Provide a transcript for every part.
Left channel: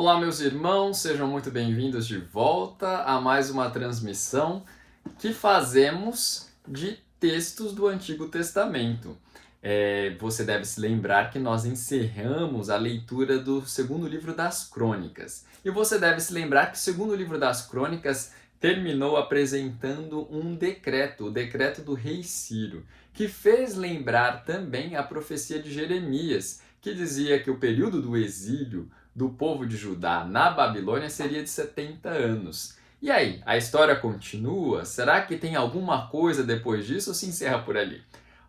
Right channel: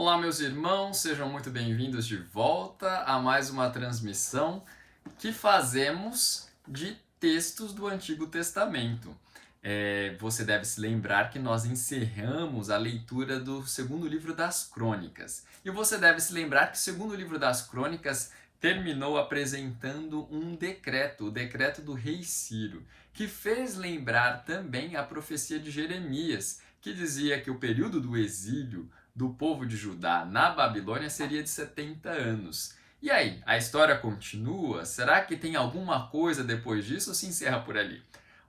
Olá, meus irmãos, sejam muito bem-vindos de volta a mais uma transmissão que fazemos de textos do Antigo Testamento. Você deve se lembrar que nós encerramos a leitura do segundo livro das Crônicas. E você deve se lembrar que o segundo livro das Crônicas terminou apresentando um decreto, o decreto do rei Ciro, que fez lembrar também a profecia de Jeremias, que dizia que o período do exílio do povo de Judá na Babilônia seria de 70 anos. E aí, a história continua? Será que tem alguma coisa depois disso ou se encerra por ali?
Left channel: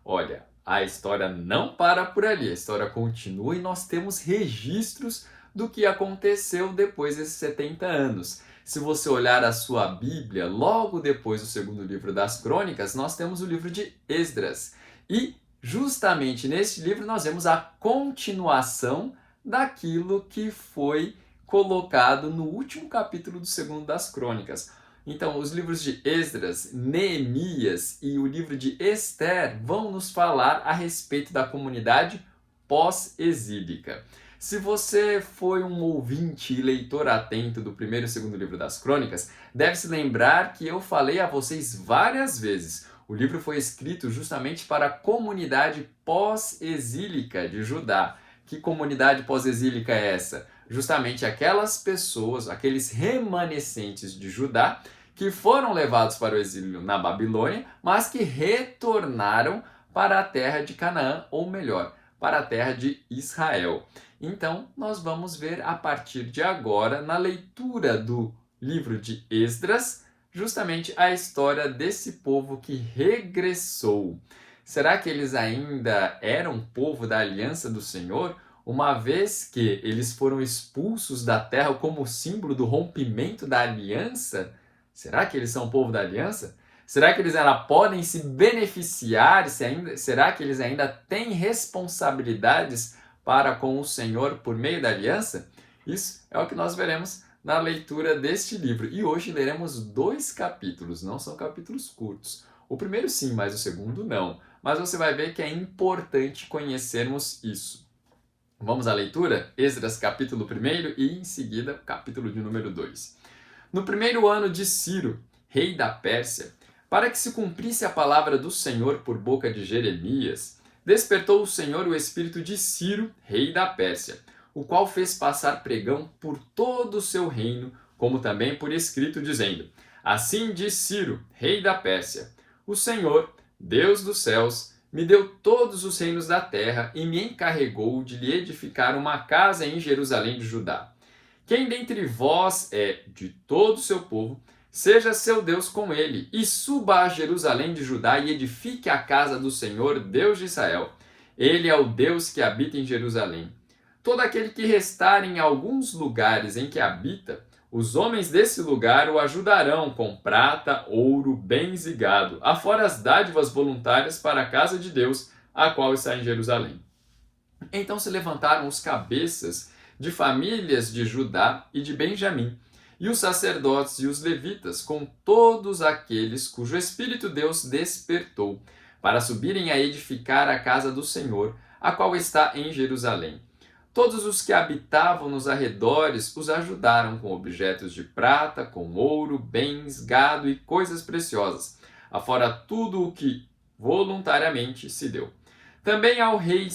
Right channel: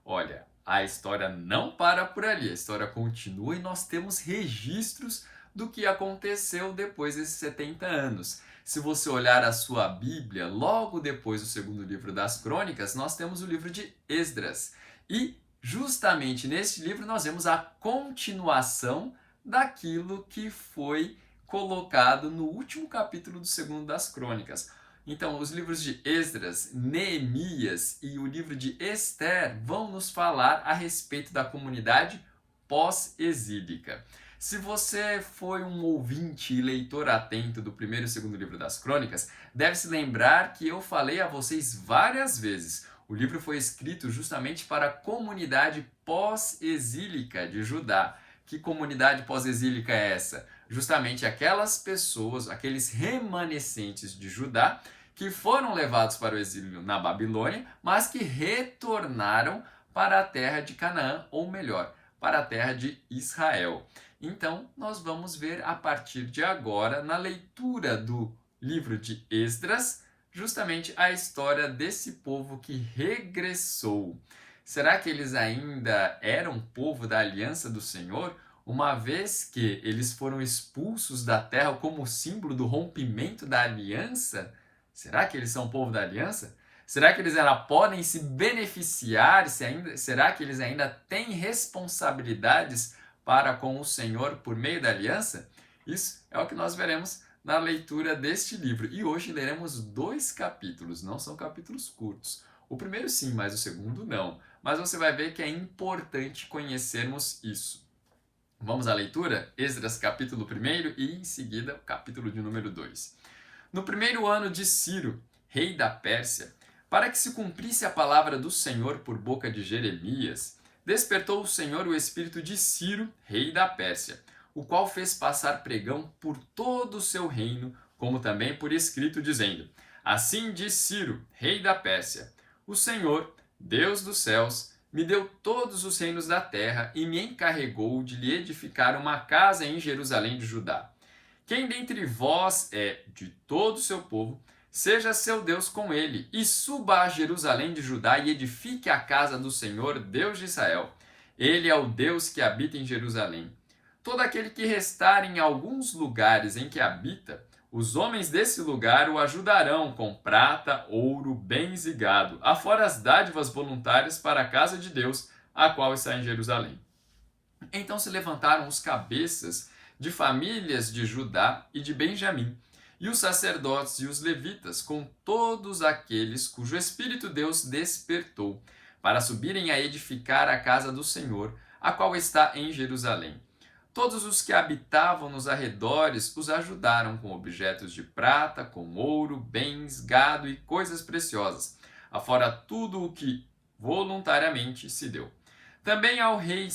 Olha, a história não para por ali, a história continua e nós temos registros do que aconteceu depois desses 70 anos. Se você olhar a sua Bíblia, logo depois do segundo livro das Crônicas, nós temos o livro de Esdras. E justamente neste livro nós vemos a continuação daquilo que foi colocado no último capítulo do segundo das Crônicas. Então, os livros de Esdras, Neemias e o livro de Ester vão nos falar a respeito da comunidade pós-exílica. Se você foi um ouvinte e leitor atento do primeiro e segundo livro das Crônicas, deve se lembrar que eu falei a vocês várias vezes. O livro foi escrito justamente para a comunidade pós-exílica de Judá. Que comunidade pós-exílica é essa? Justamente aquelas pessoas, aqueles remanescentes de Judá que foram levados para o exílio na Babilônia, mas que retornaram para a terra de Canaã, ou melhor, para a terra de Israel. Então, nós vamos ver a partir de agora, na leitura do livro de Esdras, justamente a história desse povo que regressou. Será que eles ainda eram povo da aliança do Senhor, uma vez que eles foram expulsos da terra como símbolo do rompimento da aliança? Será que eles são povo da aliança? Será que eles ainda podem se beneficiar? Será que eles ainda têm responsabilidades para com o Senhor por meio da aliança? Isso é o que nós veremos na leitura deste livro. E hoje leremos 2 capítulos, não são capítulos curtos. O primeiro sim, mas o segundo não. Mas você vai ver que é importante conhecermos isso. Vamos à leitura? Esdras capítulo 1 e em seguida capítulo de número 2. No primeiro ano de Ciro, rei da Pérsia, para que se cumprisse a palavra do Senhor por boca de Jeremias, despertou o Senhor o espírito de Ciro, rei da Pérsia, o qual fez passar pregão por todo o seu reino, como também por escrito, dizendo: Assim diz Ciro, rei da Pérsia: O Senhor, Deus dos céus, me deu todos os reinos da terra e me encarregou de lhe edificar uma casa em Jerusalém de Judá. Quem dentre vós é de todo o seu povo, seja seu Deus com ele, e suba a Jerusalém de Judá e edifique a casa do Senhor, Deus de Israel. Ele é o Deus que habita em Jerusalém. Todo aquele que restar em alguns lugares em que habita, os homens desse lugar o ajudarão com prata, ouro, bens e gado, afora as dádivas voluntárias para a casa de Deus, a qual está em Jerusalém. Então se levantaram os cabeças de famílias de Judá e de Benjamim, e os sacerdotes e os levitas, com todos aqueles cujo Espírito Deus despertou, para subirem a edificar a casa do Senhor, a qual está em Jerusalém. Todos os que habitavam nos arredores os ajudaram com objetos de prata, com ouro, bens, gado e coisas preciosas, afora tudo o que voluntariamente se deu. Também o rei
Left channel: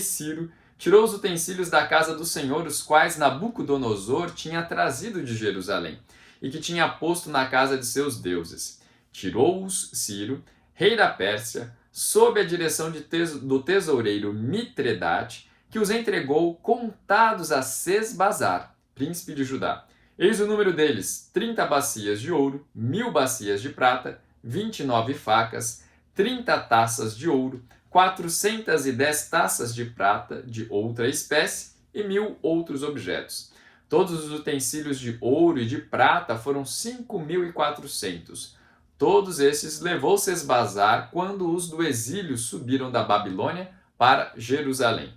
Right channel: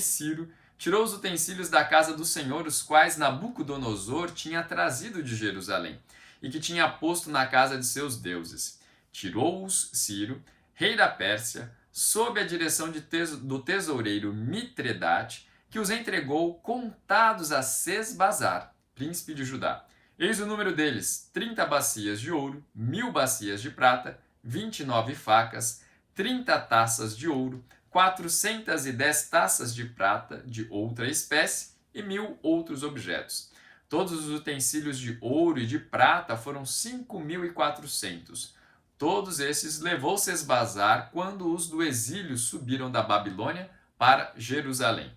Ciro tirou os utensílios da casa do Senhor, os quais Nabucodonosor tinha trazido de Jerusalém, e que tinha posto na casa de seus deuses. Tirou-os Ciro, rei da Pérsia, sob a direção do tesoureiro Mitredate, que os entregou contados a Sesbazar, príncipe de Judá. Eis o número deles: 30 bacias de ouro, 1000 bacias de prata, 29 facas, 30 taças de ouro, 410 taças de prata de outra espécie e 1000 outros objetos. Todos os utensílios de ouro e de prata foram 5.400. Todos esses levou Sesbazar quando os do exílio subiram da Babilônia para Jerusalém.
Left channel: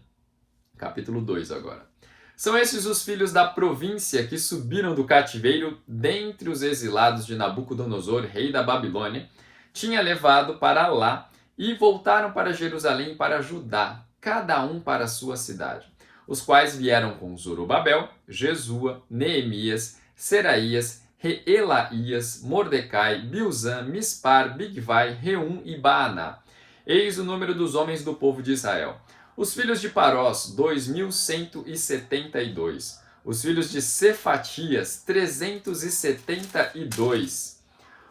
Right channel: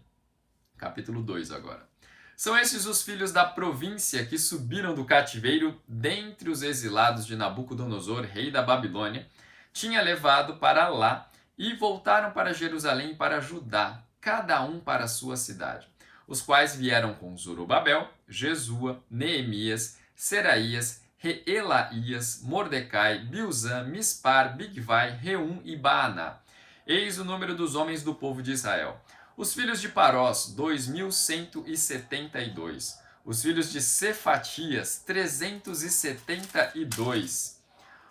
Capítulo 2 agora. São estes os filhos da província que subiram do cativeiro dentre os exilados de Nabucodonosor, rei da Babilônia, tinha levado para lá e voltaram para Jerusalém e para Judá, cada um para a sua cidade. os quais vieram com Zorobabel, Jesua, Neemias, Seraías, Reelaías, Mordecai, Bilzã, Mispar, Bigvai, Reum e Baaná. Eis o número dos homens do povo de Israel. Os filhos de Parós, 2.172. Os filhos de Cefatias, 372.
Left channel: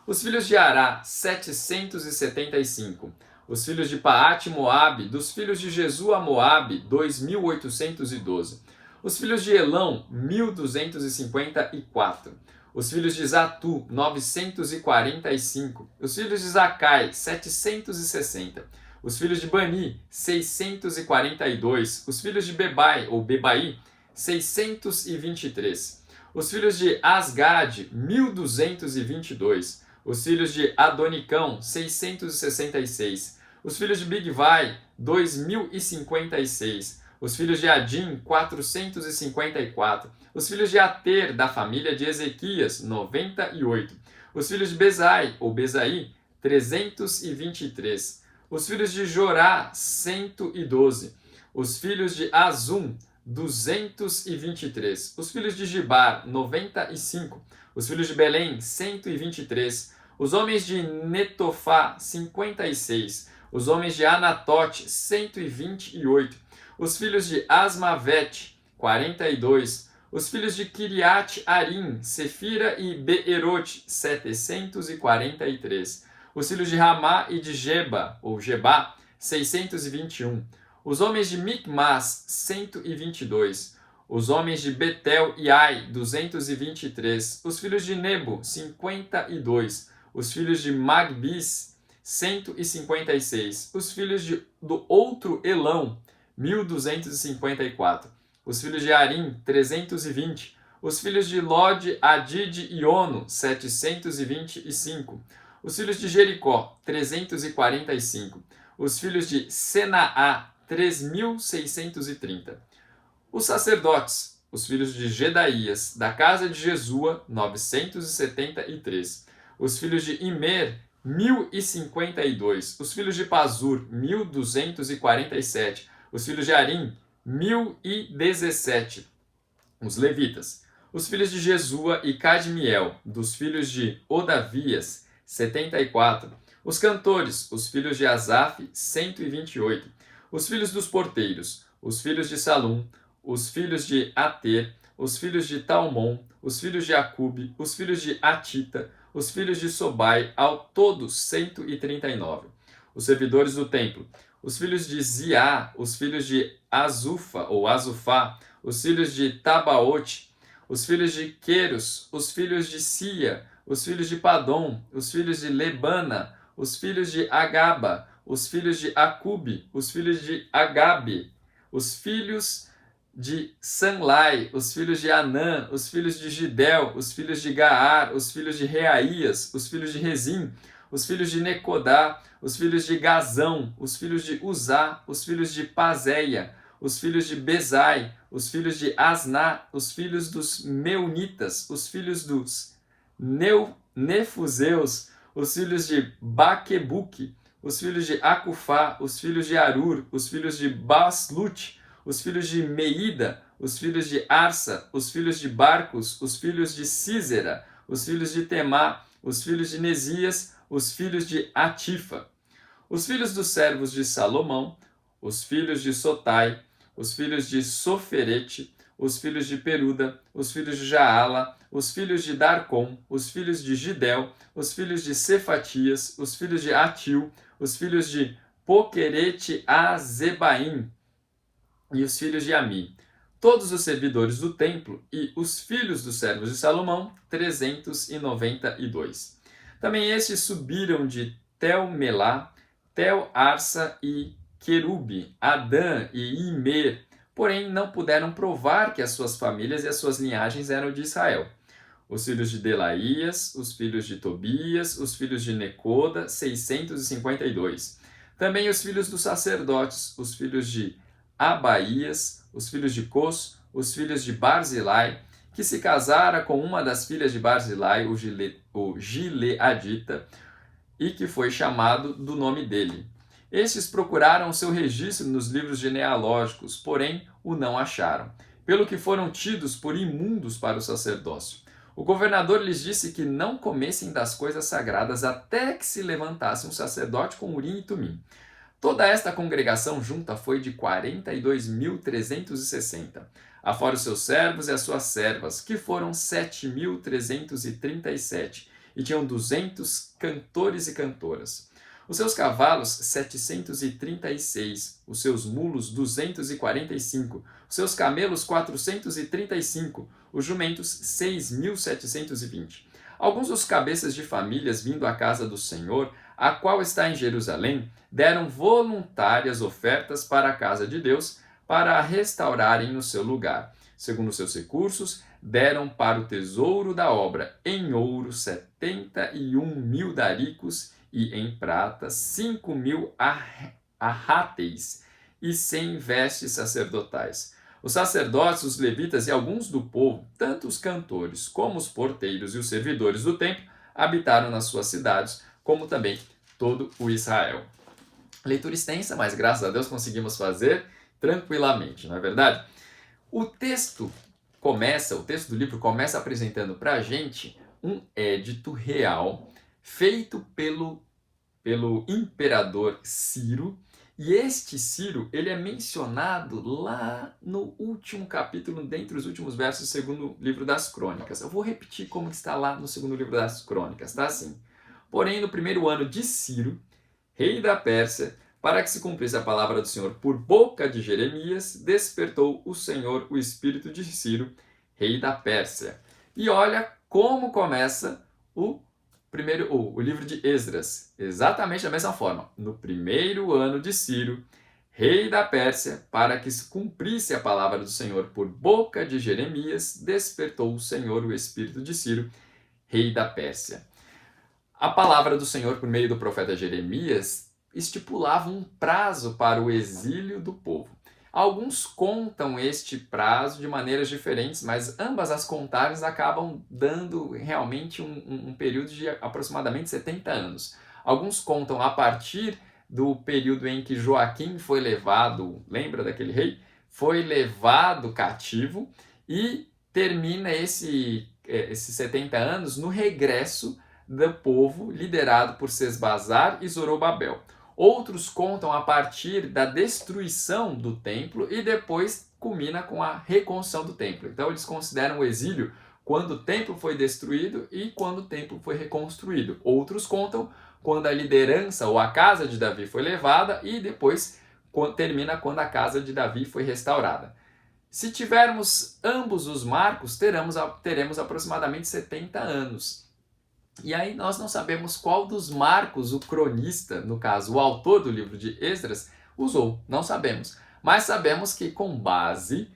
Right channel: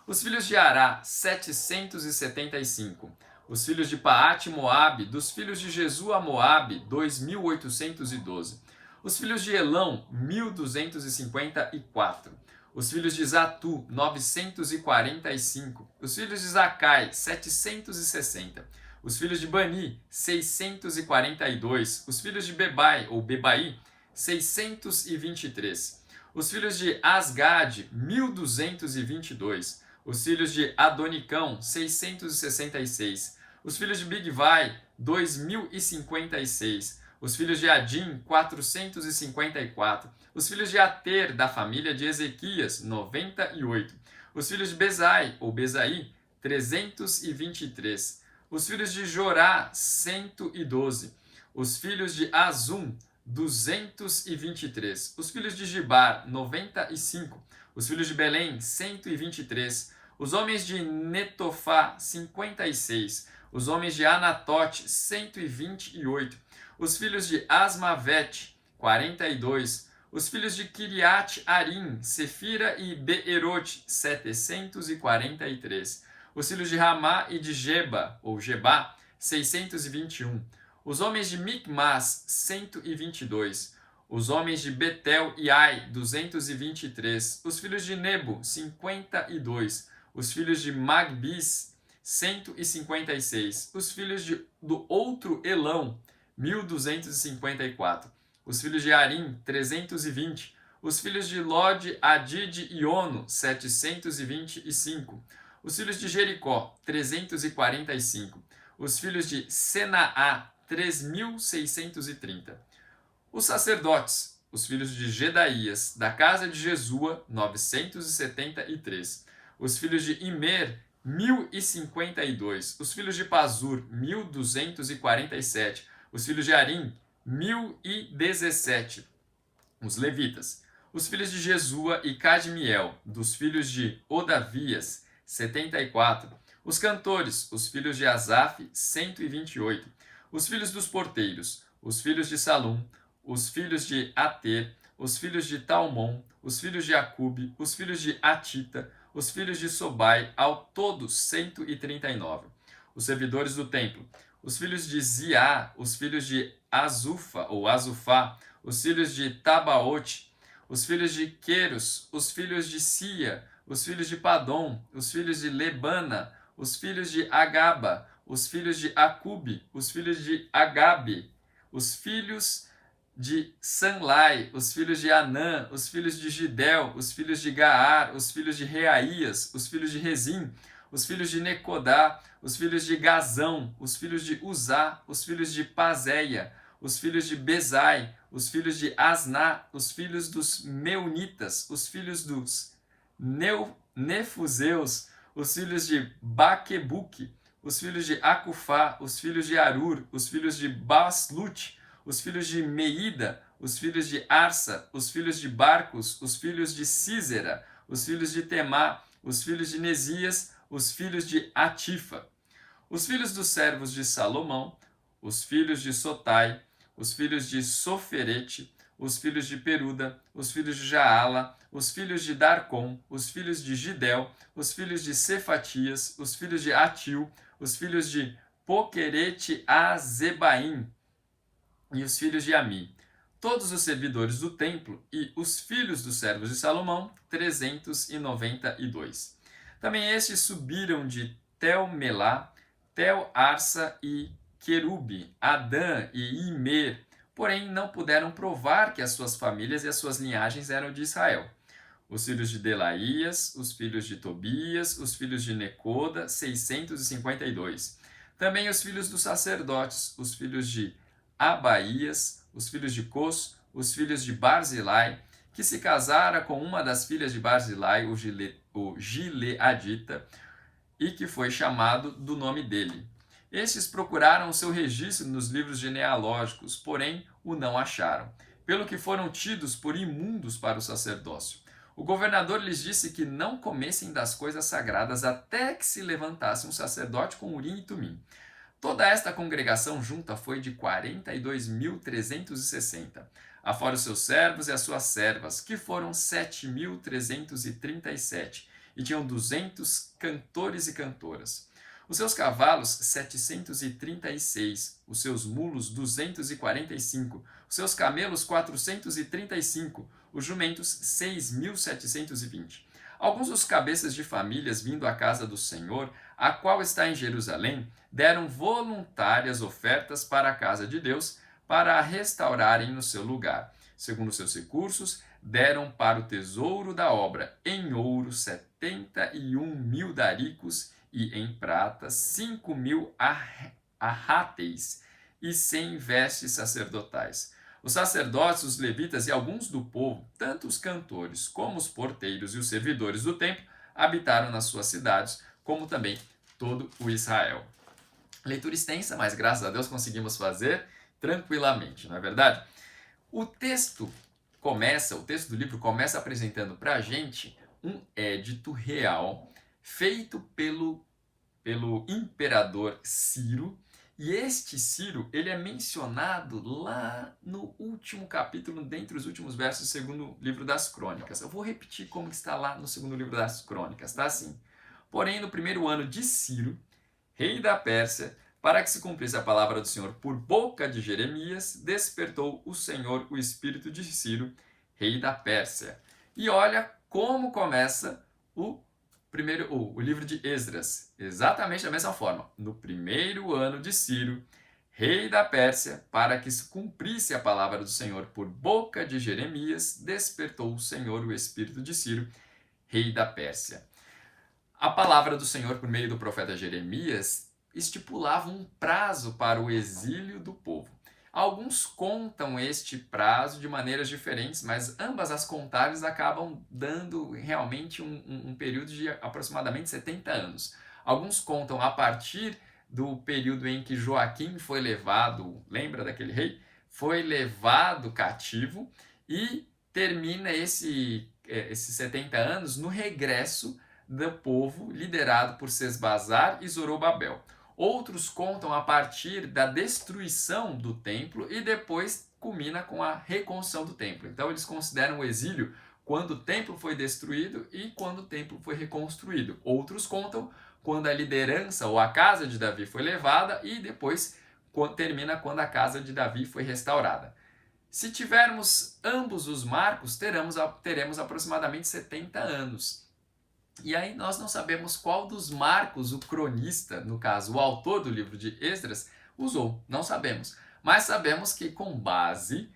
Os filhos de Ará, 775. Os filhos de Paate Moabe, dos filhos de Jesua Moabe, 2.812. Os filhos de Elão, 1.254. Os filhos de Zatu, 945. Os filhos de Zacai, 760. Os filhos de Bani, 642. Os filhos de Bebai, ou Bebai, 623. Os filhos de Asgade, 1.222. Os filhos de Adonicão, 666. Os filhos de Bigvai, 2.056. Os filhos de Adim, 454. Os filhos de Ater, da família de Ezequias, 98. Os filhos de Bezai, ou Bezai, 323. Os filhos de Jorá, 112. Os filhos de Azum, 223. Os filhos de Gibar, 95. Os filhos de Belém, 123. Os homens de Netofá, 56. Os homens de Anatote, 128. Os filhos de Asmavete, 42. Os filhos de Kiriat Arim, Sefira e Beerote, 743. Os filhos de Ramá e de Geba, ou Gebá, 621. Os homens de Micmas, 122. Os homens de Betel e Ai, 223. Os filhos de Nebo, 52. Os filhos de Magbis, 156. Os filhos do outro Elão, 1.254. Os filhos de Arim, 320. Os filhos de Lod, Adid e Ono, 725. Os filhos de Jericó, 345. Os filhos de Senaá, 3.630. Os sacerdotes, os filhos de Gedaías, da casa de Jesua, 973. Os filhos de Imer, 1.052. Os filhos de Pazur, 1.247. Os filhos de Arim, 1.017. Os levitas. Os filhos de Jesua e Cadmiel, dos filhos de Odavias, 74. Os cantores, os filhos de Asaf, 128. Os filhos dos porteiros, os filhos de Salum, os filhos de Ater, os filhos de Talmon, os filhos de Acube, os filhos de Atita, os filhos de Sobai, ao todo 139. Os servidores do templo, os filhos de Ziá, os filhos de Azufa ou Azufá, os filhos de Tabaote, os filhos de Queros, os filhos de Sia, os filhos de Padom, os filhos de Lebana, os filhos de Agaba, os filhos de Acube, os filhos de Agabe, os filhos de Sanlai, os filhos de Anã, os filhos de Gidel, os filhos de Gaar, os filhos de Reaías, os filhos de Rezim, os filhos de Necodá, os filhos de Gazão, os filhos de Uzá, os filhos de Pazéia, os filhos de Bezai, os filhos de Asná, os filhos dos Meunitas, os filhos dos Nefuseus, os filhos de Baquebuque, os filhos de Acufá, os filhos de Arur, os filhos de Baslute, os filhos de Meida, os filhos de Arsa, os filhos de Barcos, os filhos de Císera, os filhos de Temá, os filhos de Nesias, os filhos de Atifa. Os filhos dos servos de Salomão, os filhos de Sotai, os filhos de Soferete, os filhos de Peruda, os filhos de Jaala, os filhos de Darcom, os filhos de Gidel, os filhos de Cefatias, os filhos de Atil, os filhos de Poquerete Azebaim e os filhos de Ami. Todos os servidores do templo e os filhos dos servos de Salomão, 392. Também estes subiram de Tel-Melá, Tel-Arsa e Querube, Adã e Imer, porém não puderam provar que as suas famílias e as suas linhagens eram de Israel. Os filhos de Delaías, os filhos de Tobias, os filhos de Necoda, 652. Também os filhos dos sacerdotes, os filhos de Abaías, os filhos de Cos, os filhos de Barzilai, que se casara com uma das filhas de Barzilai, o Gileadita, e que foi chamado do nome dele. Estes procuraram o seu registro nos livros genealógicos, porém o não acharam, pelo que foram tidos por imundos para o sacerdócio. O governador lhes disse que não comessem das coisas sagradas até que se levantasse um sacerdote com Urim e Tumim. Toda esta congregação junta foi de 42.360, afora os seus servos e as suas servas, que foram 7.337, e tinham 200 cantores e cantoras. Os seus cavalos, 736, os seus mulos, 245, os seus camelos, 435, os jumentos, 6.720. Alguns dos cabeças de famílias vindo à casa do Senhor, a qual está em Jerusalém, deram voluntárias ofertas para a casa de Deus, para a restaurarem no seu lugar. Segundo seus recursos, deram para o tesouro da obra em ouro 71.000 daricos e em prata 5.000 arráteis e 100 vestes sacerdotais. Os sacerdotes, os levitas e alguns do povo, tanto os cantores como os porteiros e os servidores do templo, habitaram nas suas cidades, como também todo o Israel. Leitura extensa, mas graças a Deus conseguimos fazer tranquilamente, não é verdade? O texto do livro começa apresentando para a gente um édito real feito pelo imperador Ciro. E este Ciro, ele é mencionado lá no último capítulo, dentre os últimos versos do segundo livro das Crônicas. Eu vou repetir como está lá no segundo livro das Crônicas, tá assim. Porém, no primeiro ano de Ciro, rei da Pérsia, para que se cumprisse a palavra do Senhor por boca de Jeremias, despertou o Senhor o espírito de Ciro, rei da Pérsia. E olha como começa o livro de Esdras, exatamente da mesma forma. No primeiro ano de Ciro, rei da Pérsia, para que se cumprisse a palavra do Senhor por boca de Jeremias, despertou o Senhor o espírito de Ciro, rei da Pérsia. A palavra do Senhor por meio do profeta Jeremias estipulava um prazo para o exílio do povo. Alguns contam este prazo de maneiras diferentes, mas ambas as contagens acabam dando realmente um período de aproximadamente 70 anos. Alguns contam a partir do período em que Joaquim foi levado, lembra daquele rei? Foi levado cativo e termina esses 70 anos no regresso do povo liderado por Sesbazar e Zorobabel. Outros contam a partir da destruição do templo e depois culmina com a reconstrução do templo. Então eles consideram o exílio quando o templo foi destruído e quando o templo foi reconstruído. Outros contam quando a liderança ou a casa de Davi foi levada e depois termina quando a casa de Davi foi restaurada. Se tivermos ambos os marcos, teremos aproximadamente 70 anos. E aí nós não sabemos qual dos marcos o cronista, no caso o autor do livro de Esdras, usou. Não sabemos. Mas sabemos que com base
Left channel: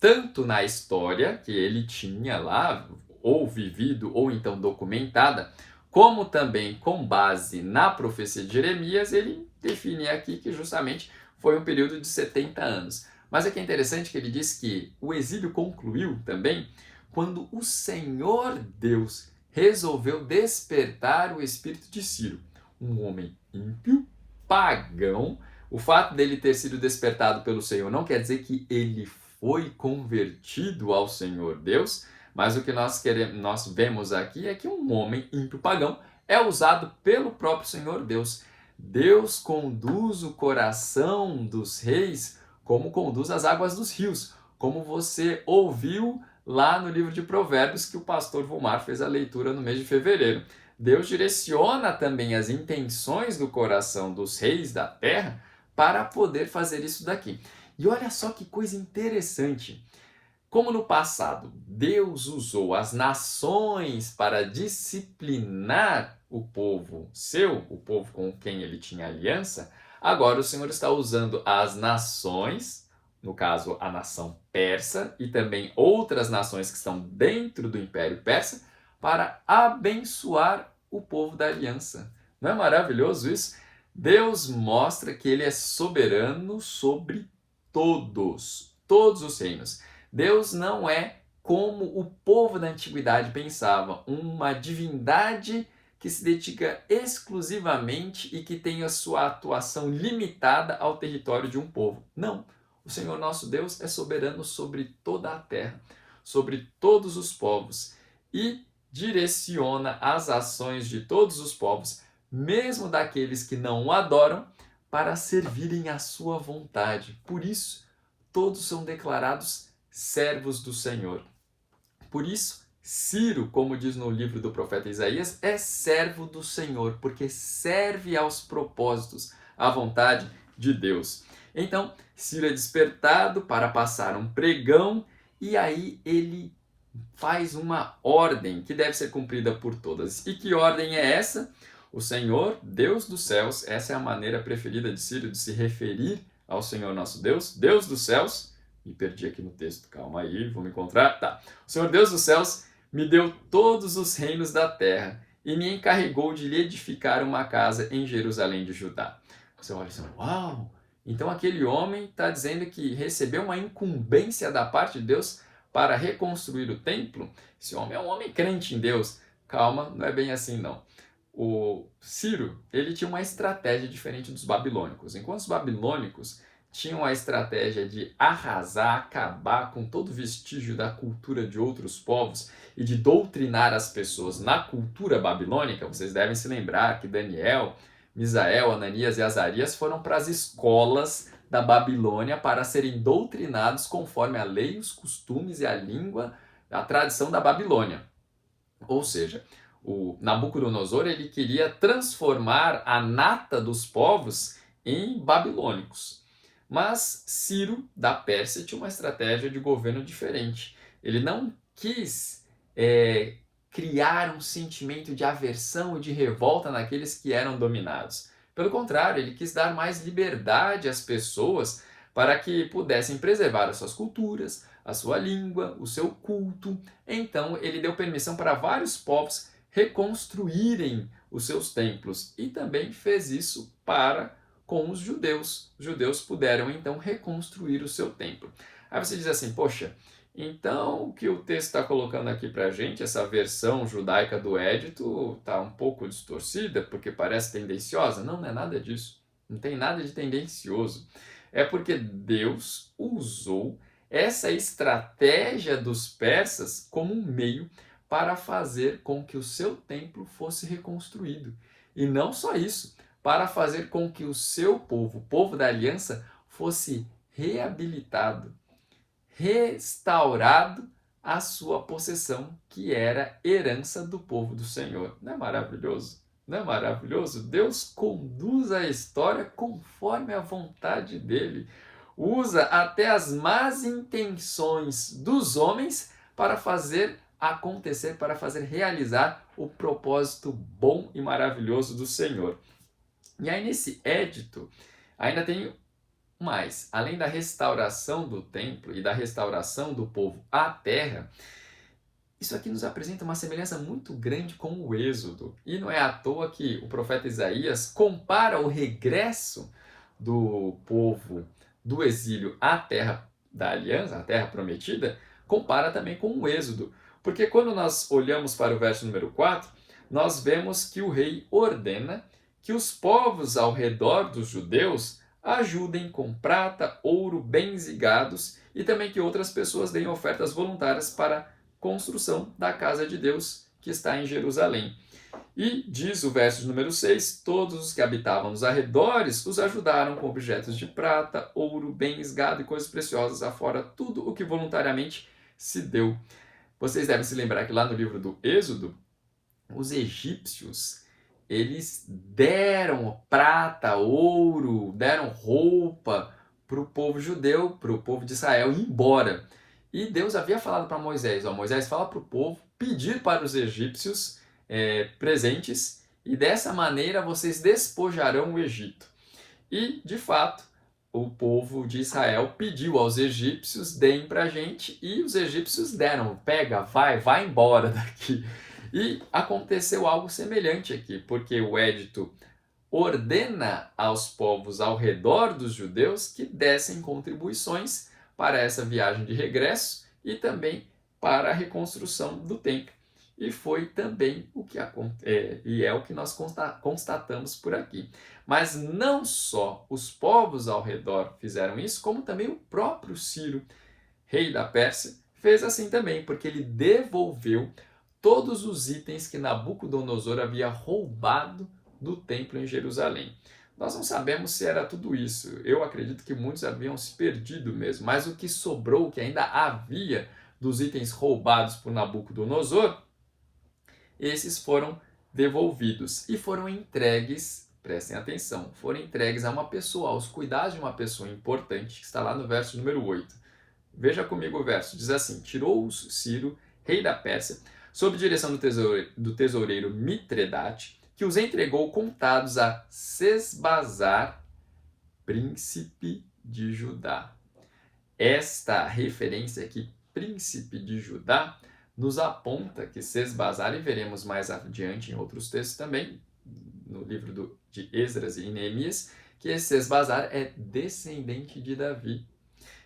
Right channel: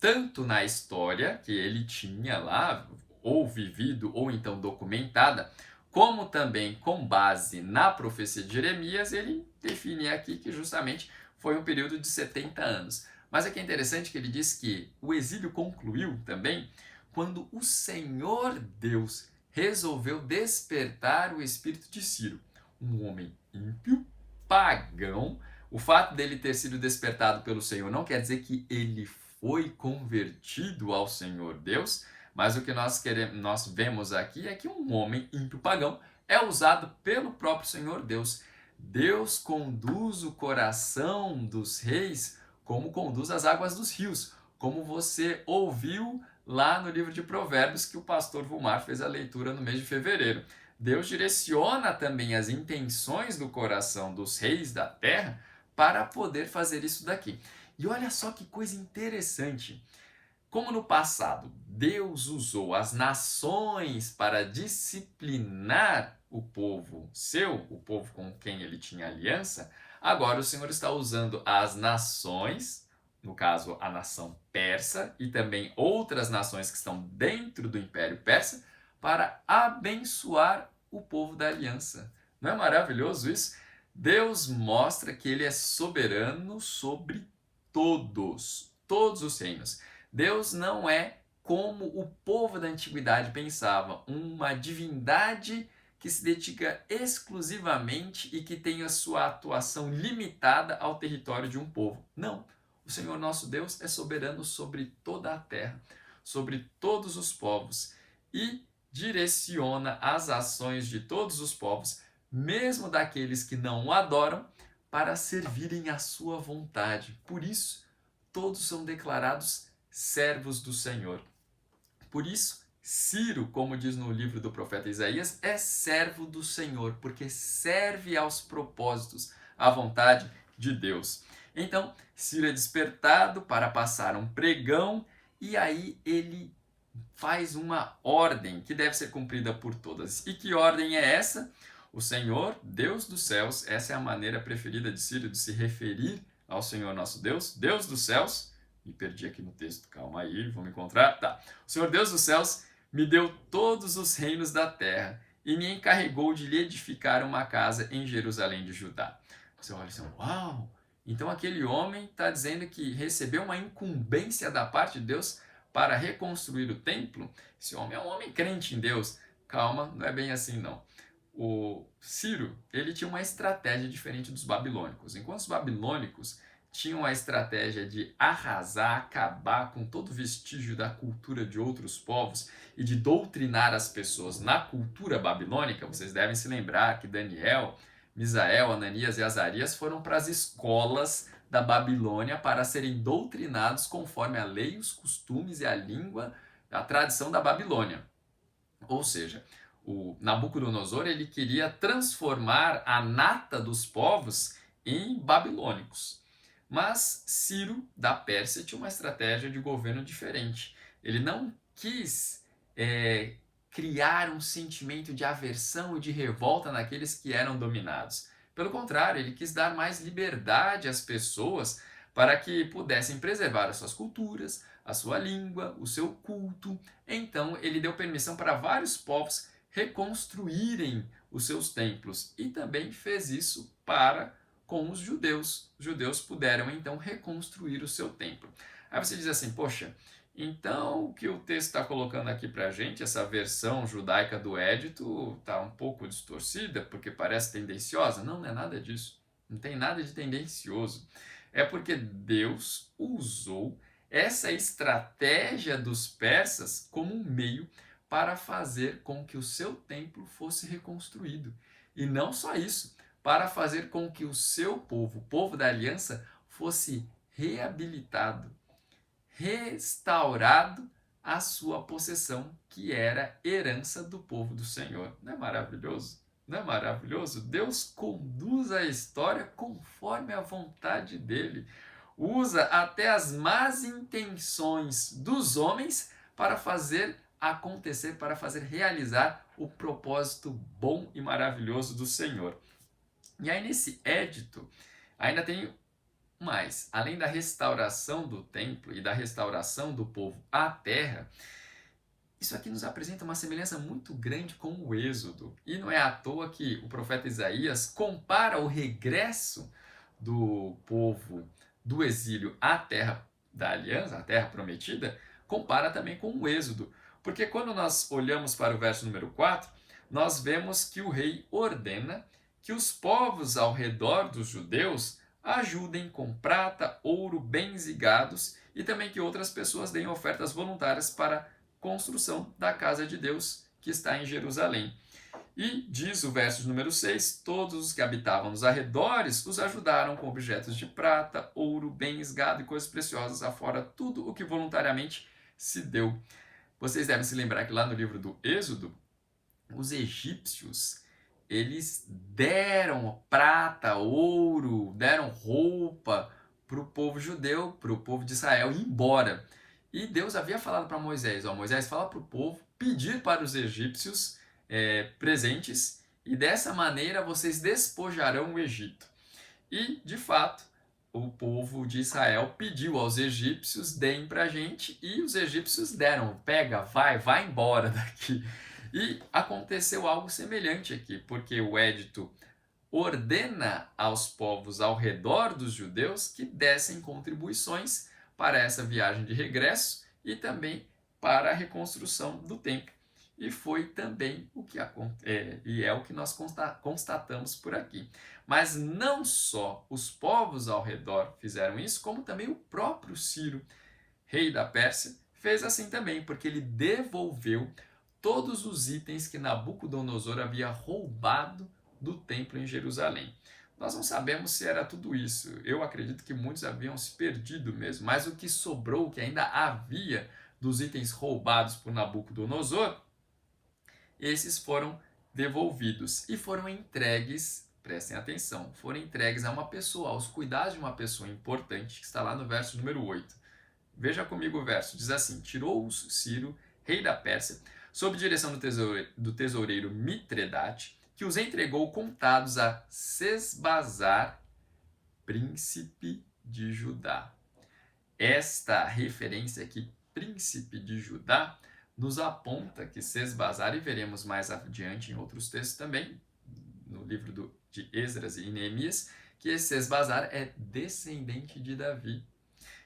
tanto na história que ele tinha lá, ou vivido, ou então documentada, como também com base na profecia de Jeremias, ele define aqui que justamente foi um período de 70 anos. Mas aqui é interessante que ele diz que o exílio concluiu também quando o Senhor Deus resolveu despertar o espírito de Ciro, um homem ímpio, pagão. O fato dele ter sido despertado pelo Senhor não quer dizer que ele foi convertido ao Senhor Deus, mas o que nós vemos aqui é que um homem ímpio pagão é usado pelo próprio Senhor Deus. Deus conduz o coração dos reis como conduz as águas dos rios, como você ouviu lá no livro de Provérbios, que o pastor Vomar fez a leitura no mês de fevereiro. Deus direciona também as intenções do coração dos reis da terra para poder fazer isso daqui. E olha só que coisa interessante. Como no passado Deus usou as nações para disciplinar o povo o povo com quem ele tinha aliança, agora o Senhor está usando as nações, no caso a nação persa e também outras nações que estão dentro do Império Persa, para abençoar o povo da aliança. Não é maravilhoso isso? Deus mostra que ele é soberano sobre todos os reinos. Deus não é como o povo da antiguidade pensava, uma divindade que se dedica exclusivamente e que tenha sua atuação limitada ao território de um povo. Não. O Senhor nosso Deus é soberano sobre toda a terra, sobre todos os povos, e direciona as ações de todos os povos, mesmo daqueles que não o adoram, para servirem à sua vontade. Por isso, todos são declarados servos do Senhor. Por isso, Ciro, como diz no livro do profeta Isaías, é servo do Senhor, porque serve aos propósitos, à vontade de Deus. Então, Ciro é despertado para passar um pregão e aí ele faz uma ordem que deve ser cumprida por todas. E que ordem é essa? O Senhor, Deus dos céus, essa é a maneira preferida de Ciro de se referir ao Senhor nosso Deus, Deus dos céus. Me perdi aqui no texto, calma aí, vou me encontrar. Tá. O Senhor Deus dos céus me deu todos os reinos da terra e me encarregou de lhe edificar uma casa em Jerusalém de Judá. Você olha assim, uau! Então aquele homem está dizendo que recebeu uma incumbência da parte de Deus para reconstruir o templo. Esse homem é um homem crente em Deus. Calma, não é bem assim não. O Ciro, ele tinha uma estratégia diferente dos babilônicos. Enquanto os babilônicos tinham a estratégia de arrasar, acabar com todo vestígio da cultura de outros povos e de doutrinar as pessoas na cultura babilônica, vocês devem se lembrar que Daniel, Misael, Ananias e Azarias foram para as escolas da Babilônia para serem doutrinados conforme a lei, os costumes e a língua, a tradição da Babilônia. Ou seja, o Nabucodonosor ele queria transformar a nata dos povos em babilônicos. Mas Ciro, da Pérsia, tinha uma estratégia de governo diferente. Ele não quis criar um sentimento de aversão e de revolta naqueles que eram dominados. Pelo contrário, ele quis dar mais liberdade às pessoas para que pudessem preservar as suas culturas, a sua língua, o seu culto. Então, ele deu permissão para vários povos reconstruírem os seus templos e também fez isso para com os judeus. Os judeus puderam então reconstruir o seu templo. Aí você diz assim, poxa, então o que o texto está colocando aqui para a gente, essa versão judaica do édito, está um pouco distorcida porque parece tendenciosa? Não, não é nada disso. Não tem nada de tendencioso. É porque Deus usou essa estratégia dos persas como um meio para fazer com que o seu templo fosse reconstruído. E não só isso, para fazer com que o seu povo, o povo da aliança, fosse reabilitado, restaurado à sua possessão, que era herança do povo do Senhor. Não é maravilhoso? Não é maravilhoso? Deus conduz a história conforme a vontade dele. Usa até as más intenções dos homens para fazer acontecer, para fazer realizar o propósito bom e maravilhoso do Senhor. E aí nesse édito ainda tem mais, além da restauração do templo e da restauração do povo à terra, isso aqui nos apresenta uma semelhança muito grande com o Êxodo. E não é à toa que o profeta Isaías compara o regresso do povo do exílio à terra da aliança, à terra prometida, compara também com o Êxodo. Porque quando nós olhamos para o verso número 4, nós vemos que o rei ordena que os povos ao redor dos judeus ajudem com prata, ouro, bens e gados, e também que outras pessoas deem ofertas voluntárias para a construção da casa de Deus que está em Jerusalém. E diz o verso número 6, todos os que habitavam nos arredores os ajudaram com objetos de prata, ouro, bens, gado e coisas preciosas, afora tudo o que voluntariamente se deu. Vocês devem se lembrar que lá no livro do Êxodo, os egípcios eles deram prata, ouro, deram roupa para o povo judeu, para o povo de Israel ir embora. E Deus havia falado para Moisés, Moisés fala para o povo pedir para os egípcios presentes e dessa maneira vocês despojarão o Egito. E, de fato, o povo de Israel pediu aos egípcios, deem para a gente, e os egípcios deram, pega, vai embora daqui. E aconteceu algo semelhante aqui, porque o édito ordena aos povos ao redor dos judeus que dessem contribuições para essa viagem de regresso e também para a reconstrução do templo. E foi também e é o que nós constatamos por aqui. Mas não só os povos ao redor fizeram isso, como também o próprio Ciro, rei da Pérsia, fez assim também, porque ele devolveu todos os itens que Nabucodonosor havia roubado do templo em Jerusalém. Nós não sabemos se era tudo isso. Eu acredito que muitos haviam se perdido mesmo, mas o que sobrou, o que ainda havia dos itens roubados por Nabucodonosor, esses foram devolvidos e foram entregues, prestem atenção, foram entregues a uma pessoa, aos cuidados de uma pessoa importante, que está lá no verso número 8. Veja comigo o verso, diz assim: tirou-os Ciro, rei da Pérsia, sob direção do tesoureiro Mitredate, que os entregou contados a Sesbazar, príncipe de Judá. Esta referência aqui, príncipe de Judá, nos aponta que Sesbazar, e veremos mais adiante em outros textos também, no livro de Esdras e Neemias, que Sesbazar é descendente de Davi.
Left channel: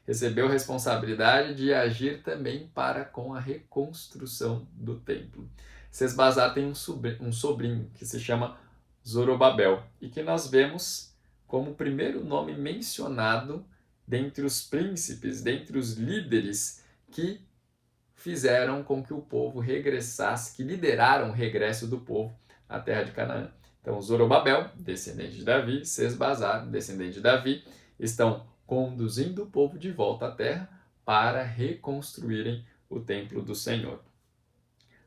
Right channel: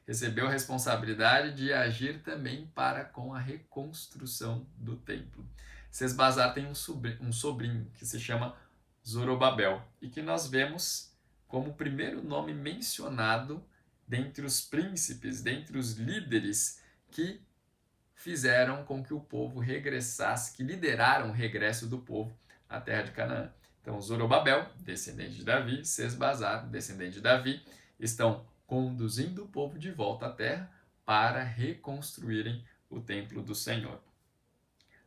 Recebeu responsabilidade de agir também para com a reconstrução do templo. Sesbazar tem um sobrinho que se chama Zorobabel e que nós vemos como o primeiro nome mencionado dentre os príncipes, dentre os líderes que fizeram com que o povo regressasse, que lideraram o regresso do povo à terra de Canaã. Então, Zorobabel, descendente de Davi, Sesbazar, descendente de Davi, estão conduzindo o povo de volta à terra para reconstruírem o templo do Senhor.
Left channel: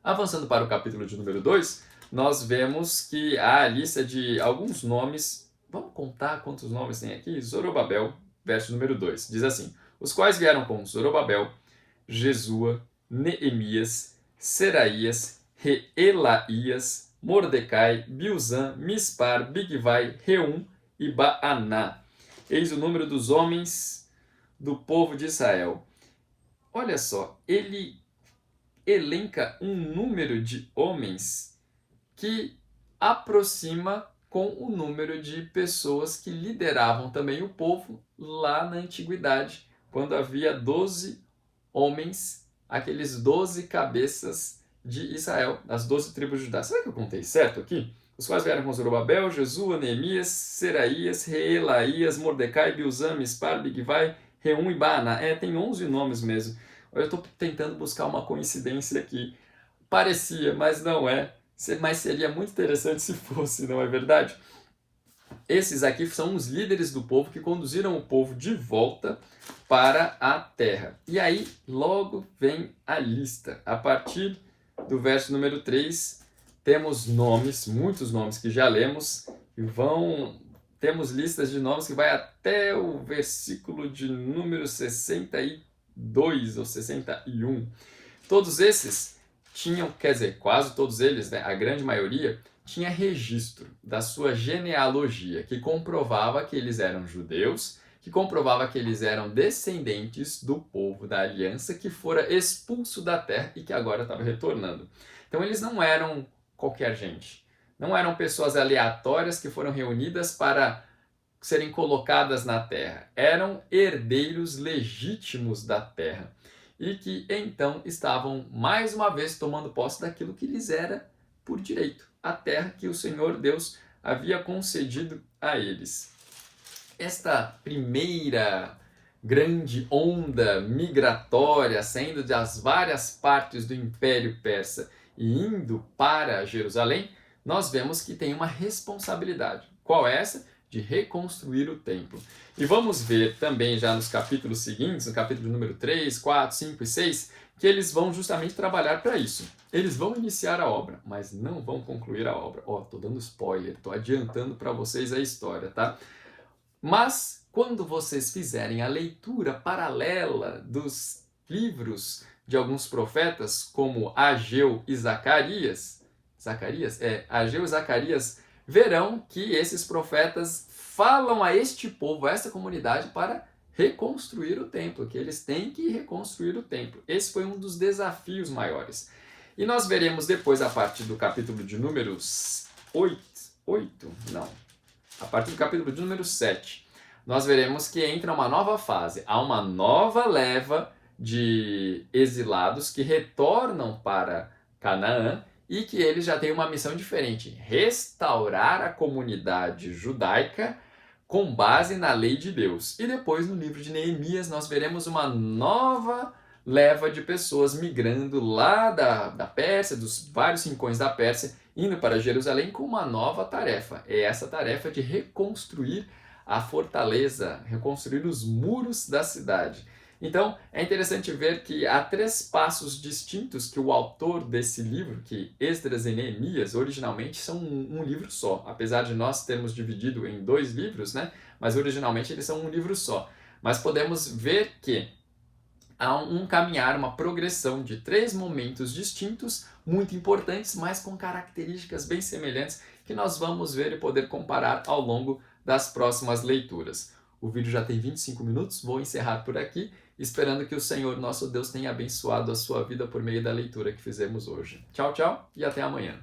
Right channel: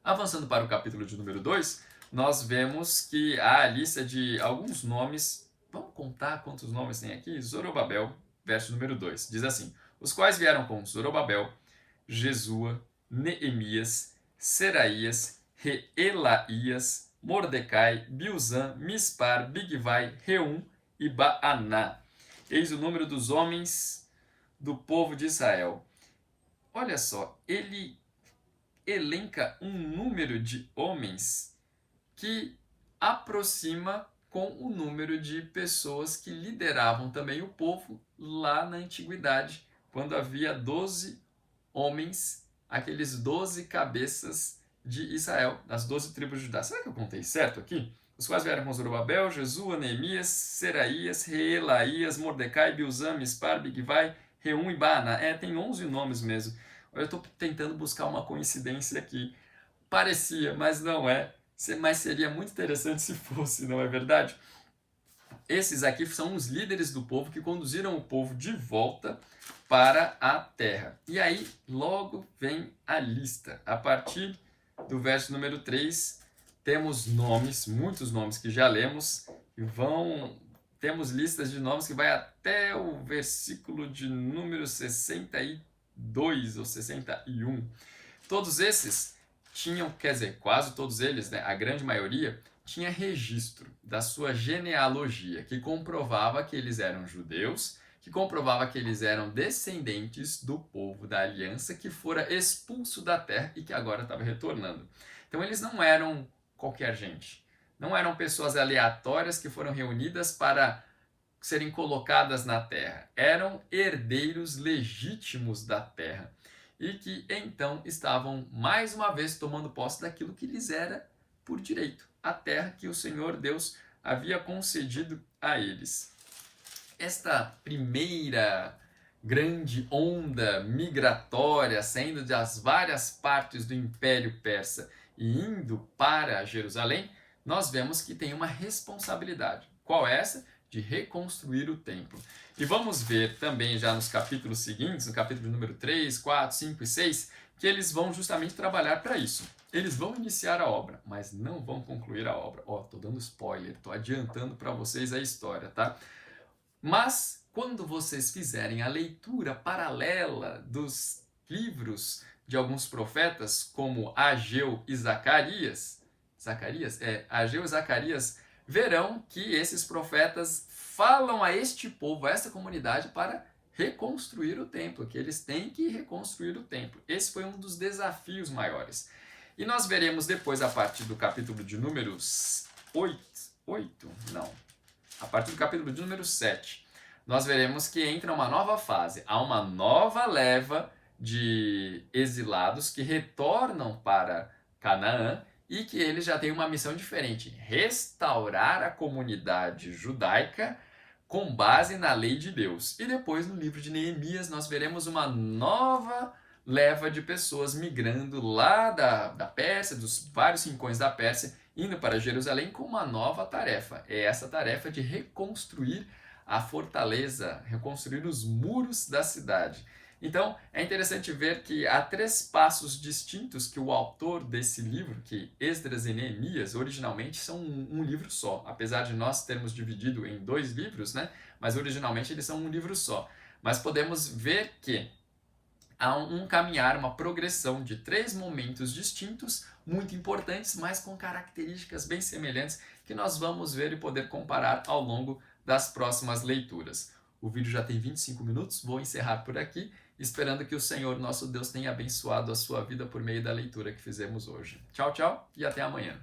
Avançando para o capítulo de número 2, nós vemos que há a lista de alguns nomes. Vamos contar quantos nomes tem aqui? Zorobabel, verso número 2, diz assim: os quais vieram com Zorobabel, Jesua, Neemias, Seraías, Reelaías, Mordecai, Bilzan, Mispar, Bigvai, Reum e Baaná. Eis o número dos homens do povo de Israel. Olha só, ele elenca um número de homens que aproxima com o número de pessoas que lideravam também o povo lá na antiguidade, quando havia 12 homens, aqueles 12 cabeças de Israel, das 12 tribos de Judá. Será que eu contei certo aqui? Os quais vieram com Zorobabel, Jesua, Neemias, Seraías, Reelaías, Mordecai, Bilzan, Mispar, Bigvai, Reum e Baaná. tem 11 nomes mesmo. Eu estou tentando buscar uma coincidência aqui. Parecia, mas não é. Mas seria muito interessante se fosse, não é verdade? Esses aqui são os líderes do povo que conduziram o povo de volta para a terra. E aí, logo vem a lista. A partir do verso número 3, temos nomes, muitos nomes que já lemos, temos listas de nomes que vai até o versículo de número 62 ou 61. Todos esses tinham, quer dizer, quase todos eles, né, a grande maioria, tinha registro da sua genealogia, que comprovava que eles eram judeus, que comprovava que eles eram descendentes do povo da aliança que fora expulso da terra e que agora estava retornando. Então eles não eram qualquer gente, não eram pessoas aleatórias que foram reunidas para serem colocadas na terra, eram herdeiros legítimos da terra e que então estavam mais uma vez tomando posse daquilo que lhes era por direito, a terra que o Senhor Deus havia concedido a eles. Esta primeira grande onda migratória saindo das várias partes do Império Persa e indo para Jerusalém, nós vemos que tem uma responsabilidade. Qual é essa? De reconstruir o templo. E vamos ver também já nos capítulos seguintes, no capítulo número 3, 4, 5 e 6, que eles vão justamente trabalhar para isso. Eles vão iniciar a obra, mas não vão concluir a obra. Tô dando spoiler, tô adiantando para vocês a história, tá? Mas quando vocês fizerem a leitura paralela dos livros de alguns profetas, como Ageu e Zacarias, Ageu e Zacarias, verão que esses profetas falam a este povo, a esta comunidade, para reconstruir o templo, que eles têm que reconstruir o templo. Esse foi um dos desafios maiores. E nós veremos depois, a partir do capítulo de números 8, a partir do capítulo de número 7, nós veremos que entra uma nova fase. Há uma nova leva de exilados que retornam para Canaã, e que ele já tem uma missão diferente: restaurar a comunidade judaica com base na lei de Deus. E depois, no livro de Neemias, nós veremos uma nova leva de pessoas migrando lá da Pérsia, dos vários rincões da Pérsia, indo para Jerusalém com uma nova tarefa. É essa tarefa de reconstruir a fortaleza, reconstruir os muros da cidade. Então, é interessante ver que há 3 passos distintos que o autor desse livro, que Esdras e Neemias, originalmente são um livro só. Apesar de nós termos dividido em 2 livros, né? Mas originalmente eles são um livro só. Mas podemos ver que há um caminhar, uma progressão de 3 momentos distintos, muito importantes, mas com características bem semelhantes, que nós vamos ver e poder comparar ao longo das próximas leituras. O vídeo já tem 25 minutos, vou encerrar por aqui, esperando que o Senhor nosso Deus tenha abençoado a sua vida por meio da leitura que fizemos hoje. Tchau, tchau e até amanhã.